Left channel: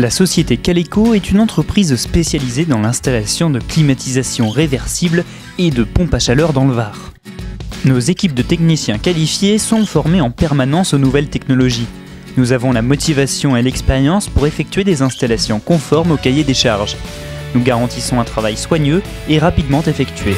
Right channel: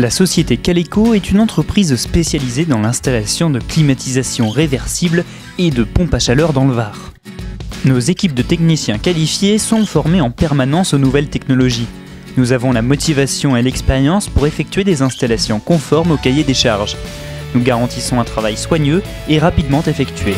La société Caleco est une entreprise spécialisée dans l'installation de climatisation réversible et de pompes à chaleur dans le Var. Nos équipes de techniciens qualifiés sont formées en permanence aux nouvelles technologies. Nous avons la motivation et l'expérience pour effectuer des installations conformes au cahier des charges. Nous garantissons un travail soigneux et rapidement effectué.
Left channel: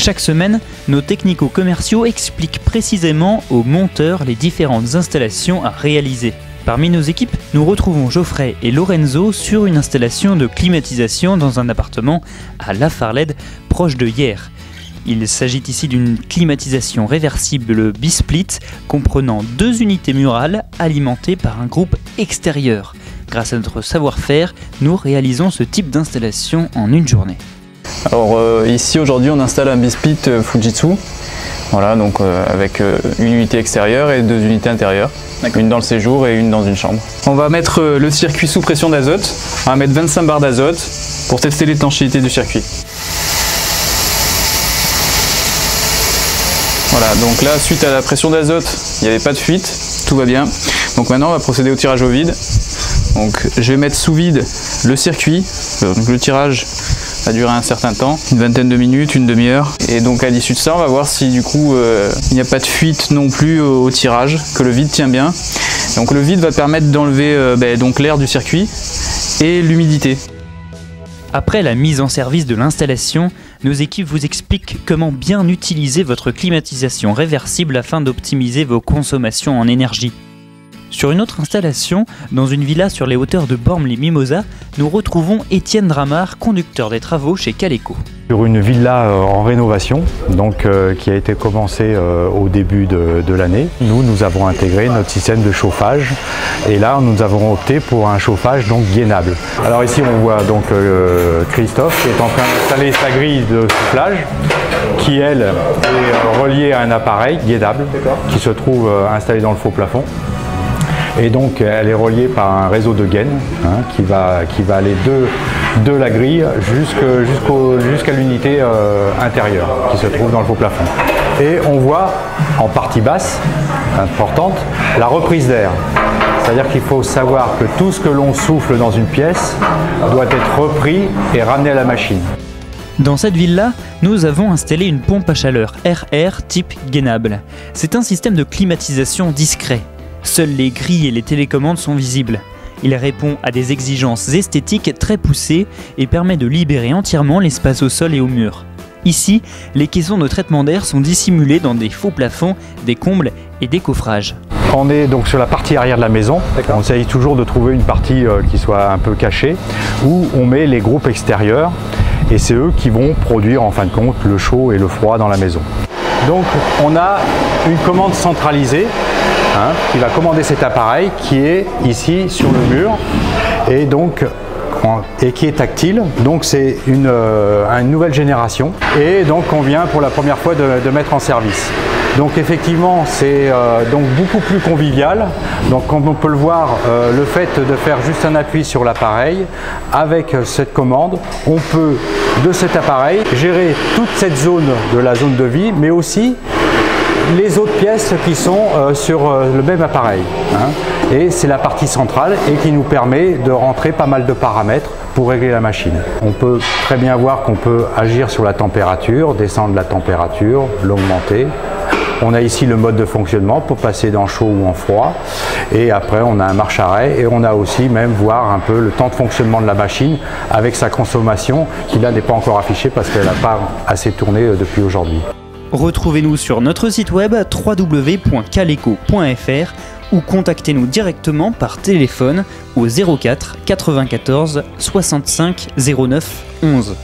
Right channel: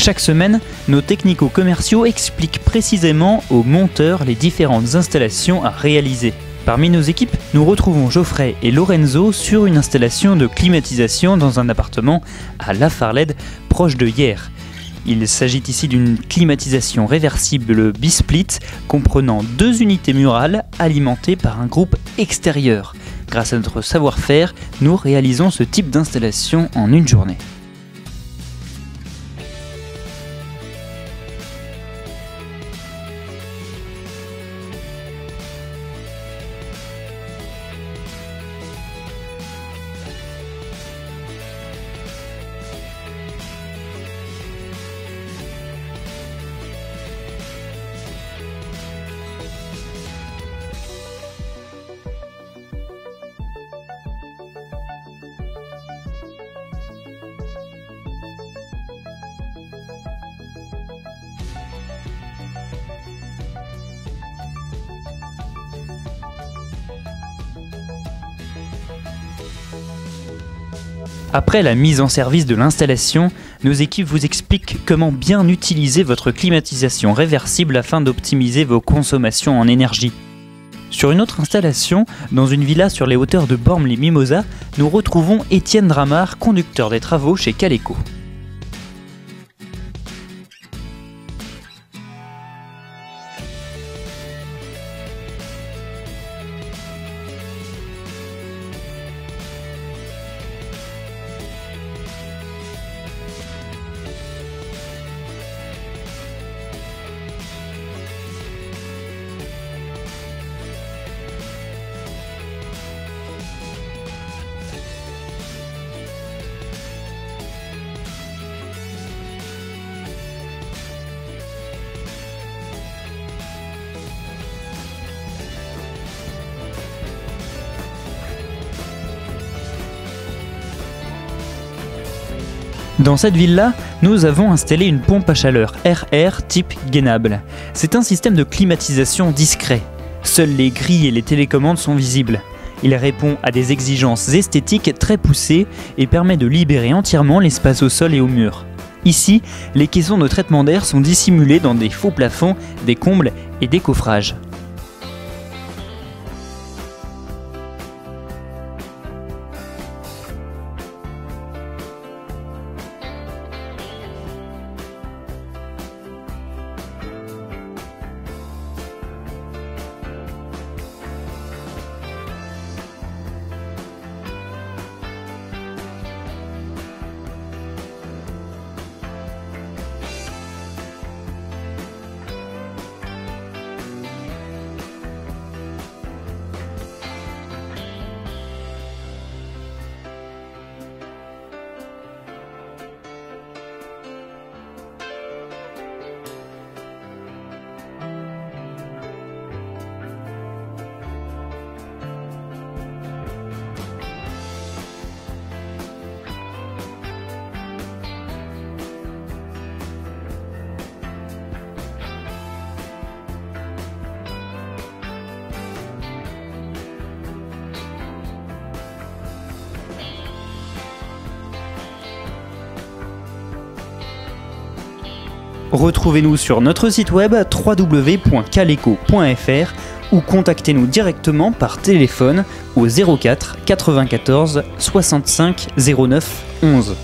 Chaque semaine, nos technico-commerciaux expliquent précisément aux monteurs les différentes installations à réaliser. Parmi nos équipes, nous retrouvons Geoffrey et Lorenzo sur une installation de climatisation dans un appartement à La Farlède, proche de Hyères. Il s'agit ici d'une climatisation réversible bisplit comprenant 2 unités murales alimentées par un groupe extérieur. Grâce à notre savoir-faire, nous réalisons ce type d'installation en une journée. Alors ici aujourd'hui on installe un bisplit Fujitsu, voilà, donc avec une unité extérieure et 2 unités intérieures, une dans le séjour et une dans une chambre. On va mettre le circuit sous pression d'azote, on va mettre 25 bars d'azote pour tester l'étanchéité du circuit. Voilà, donc là suite à la pression d'azote, il n'y avait pas de fuite, tout va bien. Donc maintenant on va procéder au tirage au vide. Donc je vais mettre sous vide le circuit, donc le tirage va durer un certain temps, une vingtaine de minutes, une demi-heure. Et donc à l'issue de ça, on va voir si du coup il n'y a pas de fuite non plus au tirage, que le vide tient bien. Donc le vide va permettre d'enlever l'air du circuit et l'humidité. Après la mise en service de l'installation, nos équipes vous expliquent comment bien utiliser votre climatisation réversible afin d'optimiser vos consommations en énergie. Sur une autre installation, dans une villa sur les hauteurs de Bormes-les-Mimosas, nous retrouvons Étienne Dramard, conducteur des travaux chez Caleco. Sur une villa en rénovation, donc, qui a été commencée au début de l'année, nous avons intégré notre système de chauffage et là nous avons opté pour un chauffage donc gainable. Alors ici on voit donc Christophe qui est en train d'installer sa grille de soufflage qui elle est reliée à un appareil gainable qui se trouve installé dans le faux plafond. Et donc elle est reliée par un réseau de gaines qui va aller de la grille jusqu'à l'unité intérieure qui se trouve dans le faux plafond. Et on voit en partie basse, importante, la reprise d'air. C'est-à-dire qu'il faut savoir que tout ce que l'on souffle dans une pièce doit être repris et ramené à la machine. Dans cette ville-là, nous avons installé une pompe à chaleur RR type gainable. C'est un système de climatisation discret. Seules les grilles et les télécommandes sont visibles. Il répond à des exigences esthétiques très poussées et permet de libérer entièrement l'espace au sol et au mur. Ici, les caissons de traitement d'air sont dissimulés dans des faux plafonds, des combles et des coffrages. On est donc sur la partie arrière de la maison. On essaye toujours de trouver une partie qui soit un peu cachée, où on met les groupes extérieurs et c'est eux qui vont produire en fin de compte le chaud et le froid dans la maison. Donc on a une commande centralisée qui va commander cet appareil qui est ici sur le mur et qui est tactile. Donc c'est une nouvelle génération et donc on vient pour la première fois de mettre en service. Donc effectivement c'est donc beaucoup plus convivial. Donc comme on peut le voir, le fait de faire juste un appui sur l'appareil avec cette commande, on peut de cet appareil gérer toute cette zone de la zone de vie, mais aussi les autres pièces qui sont sur le même appareil. Et c'est la partie centrale et qui nous permet de rentrer pas mal de paramètres pour régler la machine. On peut très bien voir qu'on peut agir sur la température, descendre la température, l'augmenter. On a ici le mode de fonctionnement pour passer dans chaud ou en froid. Et après on a un marche-arrêt et on a aussi même voir un peu le temps de fonctionnement de la machine avec sa consommation qui là n'est pas encore affichée parce qu'elle n'a pas assez tourné depuis aujourd'hui. Retrouvez-nous sur notre site web www.caleco.fr ou contactez-nous directement par téléphone au 04 94 65 09 11.